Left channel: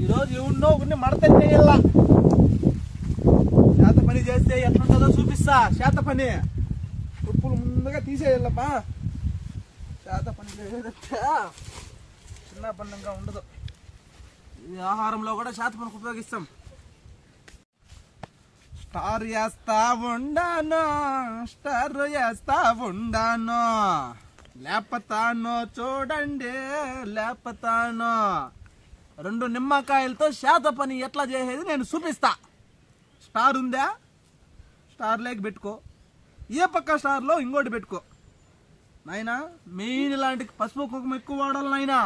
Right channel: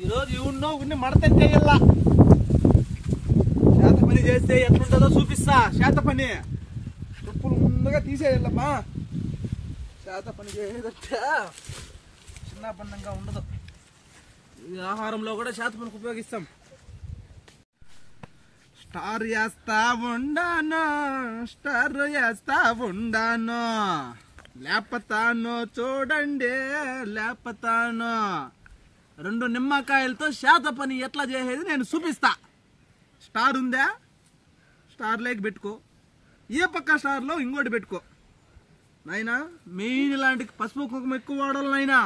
ఈ రోజు ఎవరినో ఒకరిని మడతెట్టేయాల. చేత పని చేస్తే ఎట్లుంటుందో చూపిస్తా. చేత పని ఉప్పులు ముందుగా తీసేయాలమ్మా. చేత పని చేసేదంటే చిన్న పన్నంగా ఉండదు. ఈ ఆహారంలో కూడా చేత పనికి ఉపయోగిస్తాం. స్టార్ వేస్తా ఉండాను, స్టార్ వేస్తా ఉండాను, లేపతాను చూడండి లేపతాను. 2 నిమ్మకాయలతో చేత పని ఎట్లా చేసేది నేను చూపిస్తా. స్టార్ ఉందా, స్టార్ లేక పెట్టుకో. ఏ పక్క స్టార్ లో ఇంకోటి పెట్టుకో నాయనా. మెయిన్ ఇలాంటి పసుపు కుంకుమ ఎక్కువ వాడాలి నాయనా.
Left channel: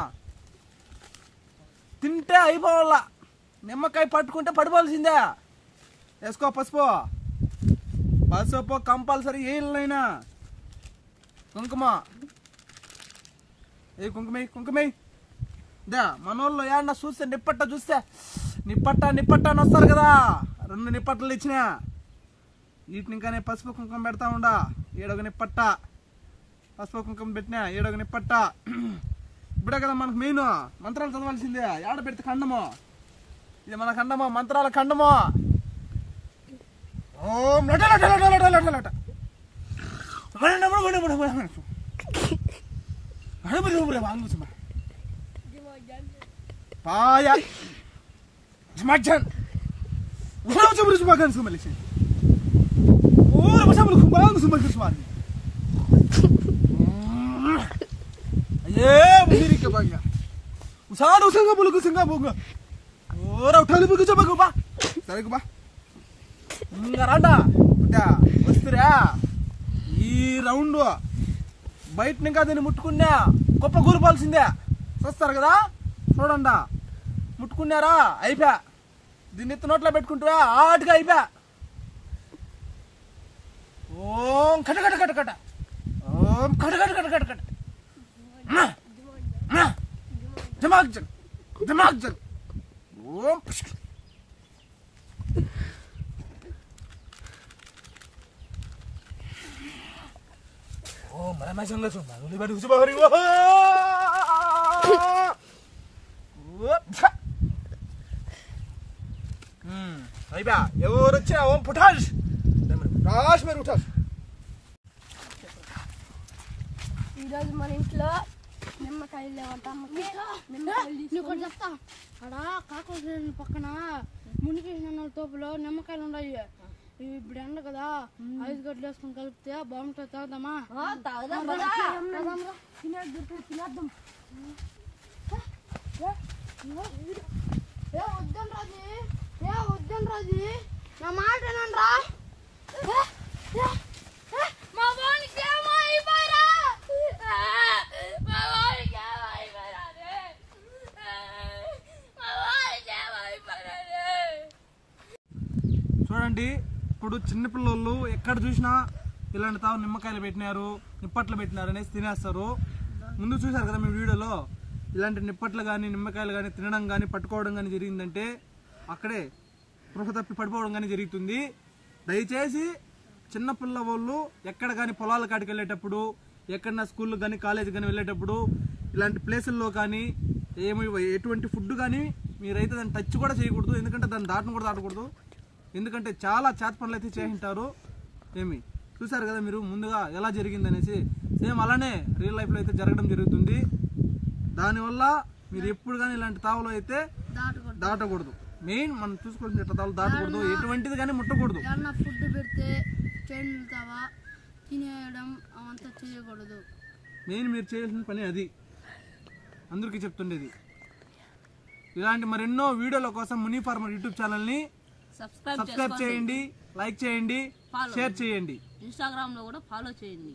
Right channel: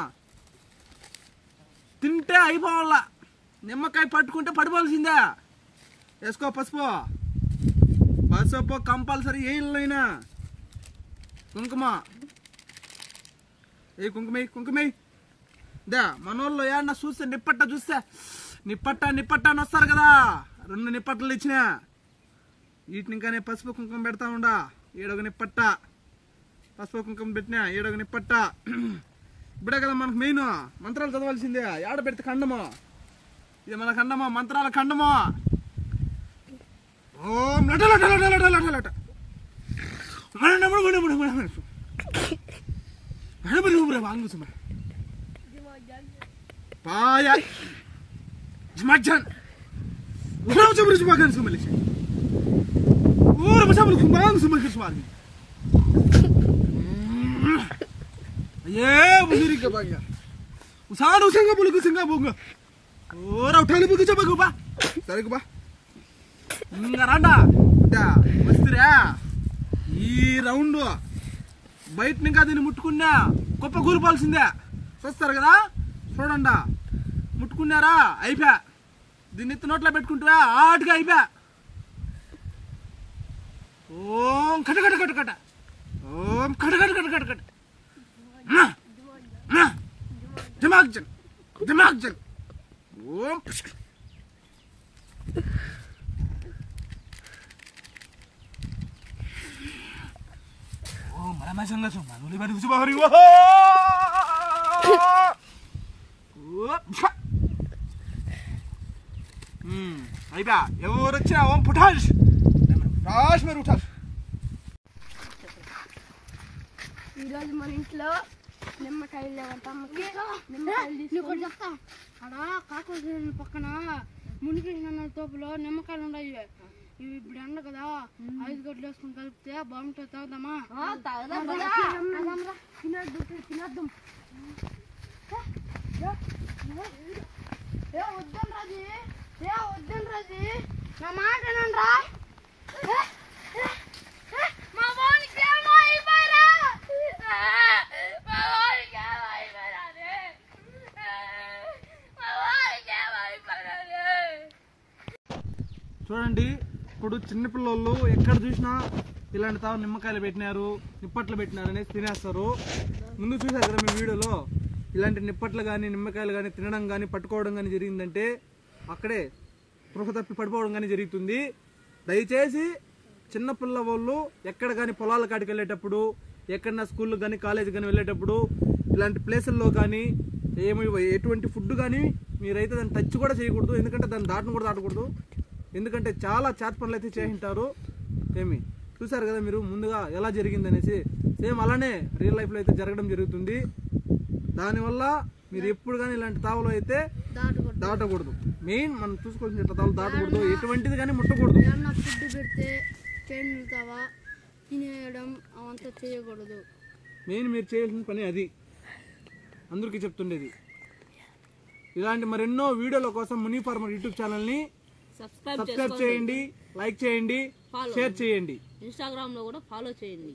తింటే అయిపోవాల. నిమ్మకాయ పట్టుకుంటే పడిపోవాల్సిందే. వేసుకో పసుపు. పసుపు కంపల్సరీ వేయాలైనా. కుంకుమ ఏ కుంకుమ దా. మనోళ్ళు ఏమన్నా చూస్తే నిప్పట్ట చూస్తే నిప్పట్ట అని వస్తారు కదా. 2 నిప్పట్లు ఇచ్చిన వీటిని ఇంకానే పసుపు కుంకుమ పెడతా ఉండా. 7వ నిప్పట్ట పసుపు కుంకుమ పెట్టినా. 7వ నిప్పట్ట. ఇప్పుడే కదా మనకు మెయిన్ మంత్రాలు చదవాల్సిందే. ఏడ పెడితే ఖండము. ఇది మన ఖండము, మంత్రాల ఖండము. ఓం లట లట లట లట లట లట పాయ వస్తురా. ఈ రౌండ్ బయట ఇంకా దీన్ని ముట్టుకున్నా గొప్ప కూలిపోవాల్సిందే. చూస్తారు కదా, చూడండి. ముట్టుకున్నారా అయిపోయా. దీన్ని ఎత్తి నోట్లో పెట్టుకుంటా ఆటుగా అయిపోయా. ఓం కట కట కట కట, ఓం కట కట కట కట కట, దిమాగ్ జన్ దిమాగ్ జన్. ఓం మరమసంగా చూడండి. ఉల్లిపాయ ఉసుబాహరి అయిపోయా. ఎవరు వచ్చినా ఓం పుఠాష్ పుఠాష్ మీరు ఉఠాష్. ఈరోజు మన ఇంట్లో నిమ్మకాయలు లేవంట. నిమ్మకాయలు చెప్తా. అక్కడ కాకర పక్కన మునిగేసిన తోపులో నిమ్మకాయలు ఉన్నాయి. ఇవి ఇప్పుడు ఎండ కదా, 5 గడ్డలు వేసుకుని కలిపితే బాగుంటుంది. తాగుదామా? తినేద్దాం. వద్దని రాజీ, నా మాట ఏనండ్రా. మా వానికి ఏమో అయిపోయారా. చూడండి, ఇప్పుడు చిన్నపిల్లలు ఎక్కడ చూసినా ఇలాంటి తావు నిమ్మకాయలు పెట్టినారు, నిప్పట్లు పెట్టినారు అనేసి తినేస్తారు. ముందు చూసారు కదా మీ వీడియోలో. ఇలాంటి నిప్పట్లు కానీ నిమ్మకాయలు కానీ తినడం కానీ పట్టుకోవడం కానీ జరిగిందంటే అక్కడే పృహ తప్పి పడిపోవడం కానీ జరుగుతుంది. దయచేసి చిన్నపిల్ల వాళ్ళు ఎక్కడ కానీ పొలాల కాడికి వెళ్ళేటప్పుడు, ఎక్కడన్నా స్కూల్ కానీ కాలేజ్ కానీ వెళ్ళేటప్పుడు ఇలాంటి ప్లేసుల్లో కానీ ఎటువంటి ఫుడ్ కానీ మీరైతే దాన్ని టచ్ కూడా చేయకూడదు. ఎందుకంటే దాన్ని దాటను కూడా దాటకూడదు. ఎందుకంటే చాలా చేత పనులు అయితే చేసింటారు. చూసారు కదా మీరు ముందుగా ఎలా జరిగింది అనేసి. సేమ్ అలానే రియల్ లైఫ్ లో అయితే జరగడం జరుగుతుంది. దానివల్ల మీరు ఎప్పుడు కానీ ఇలాంటి తావులు అయితే దాటకూడదు. మెయిన్ మనం చూసుకోవాల్సిన తావులు దాటకూడదు. ఎటువంటిది కానీ ముట్టకూడదు. మెయిన్ మీరు చేయాల్సిన పని అది. అందరికీ చెప్తుండేది. ఇలాంటి మరెన్నో వీడియోల కోసం ముని ఫార్మర్ యూట్యూబ్ ఛానల్ ని సబ్స్క్రైబ్ చేయండి, లైక్ చేయండి, షేర్ చేయండి. ఇన్స్టాగ్రామ్ లో కూడా ఫాలో చేయండి.